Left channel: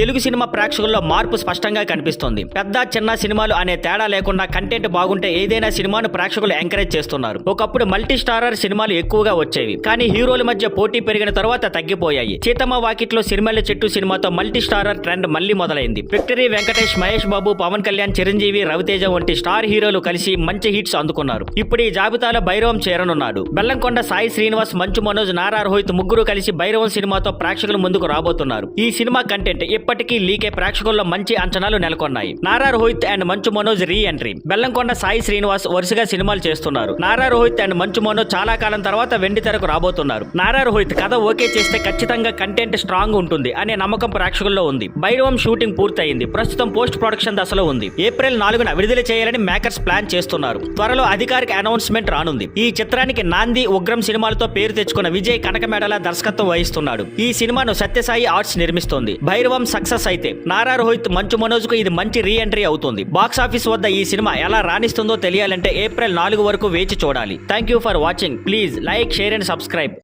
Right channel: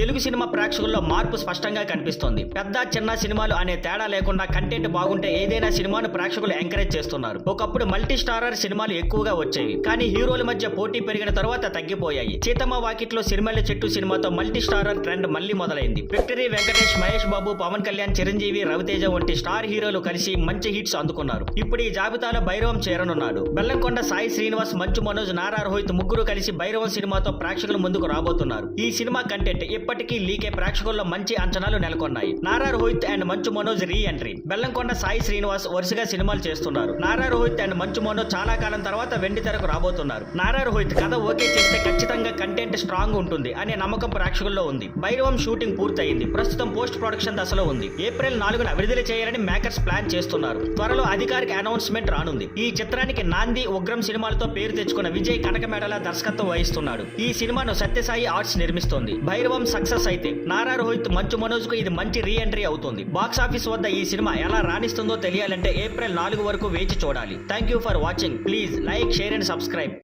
Telugu cinema ప్రేక్షకుల్లో మార్పు స్పష్టంగా కనిపిస్తోంది. పెద్ద చిన్న సినిమాలు అనే తేడా లేకుండా కంటెంట్ బాగుంటే ఏదైనా సినిమాను ప్రేక్షకులు ఎంకరేజ్ చేస్తున్నారు. ఒకప్పుడు మల్టీ స్టారర్ సినిమాలు ఎక్కువగా వచ్చేవి, కానీ హీరోల మధ్య పోటీ పెరిగిన తర్వాత తగ్గిపోయాయి. సీతమ్మ వాకిట్లో సిరిమల్లె చెట్టు సినిమాతో మల్టీ స్టారర్ ట్రెండ్ మళ్లీ మొదలైంది. విక్టరీ వెంకటేష్, మహేష్ బాబు, పవన్ కళ్యాణ్, చిరంజీవి, రవితేజ వంటి స్టార్ హీరోలు కలిసి మంచి హిట్స్ అందుకున్నారు. ఇప్పుడు ఈ జాబితాలో భైరవం చేరనున్నాడు. బెల్లంకొండ సాయి శ్రీనివాస్, మంచు మనోజ్, నారా రోహిత్ ముగ్గురు కలిసి భైరవం సినిమాతో ప్రేక్షకుల ముందుకు రాబోతున్నారు. ఈ సినిమా కంటెంట్ ఇప్పటికీ లీకే ప్రేక్షకుల్లో మంచి అంచనాలు నెలకొన్నాయి. Nara Rohit and Manchu Manoj re entry. Bellamkonda Sai Srinivas వరుసగా సినిమాలు చేస్తున్నారు. నారా రోహిత్ అండ్ మంచు మనోజ్ చాలా కాలం తర్వాత వెండి తెరకు రాబోతున్నారు. నారా రోహిత్ కథ ఓకే చేస్తే ఖచ్చితంగా కంటెంట్ స్ట్రాంగ్ ఉంటుంది అనే నమ్మకం ప్రేక్షకుల్లో ఉంది. భైరవం షూటింగ్ పూర్తయింది. ప్రస్తుతం పోస్ట్ ప్రొడక్షన్ దశలో ఉంది. ఏప్రిల్ 4న విడుదల చేయాలని మేకర్స్ ప్లాన్ చేస్తున్నారు. త్వరలో అధికారిక అనౌన్స్మెంట్ రానుంది. ఈ చిత్రానికి నాంది, ఉగ్రం సినిమాలతో పేరు తెచ్చుకున్న విజయ్ కనకమేడల దర్శకత్వం వహిస్తున్నాడు. ఈ సినిమాను సత్యసాయి ఆర్ట్స్ నిర్మిస్తోంది. భైరవం సక్సెస్ అయితే నారా రోహిత్, మంచు మనోజ్ కు ఇది మంచి రీ ఎంట్రీ అవుతుంది. బాక్స్ ఆఫీస్ వద్ద ఈ సినిమా ఎలా రాణిస్తుందో తెలియాలంటే ఏప్రిల్ 4 వరకు వేచి చూడాలి. Thank you for watching. Please like, share and subscribe.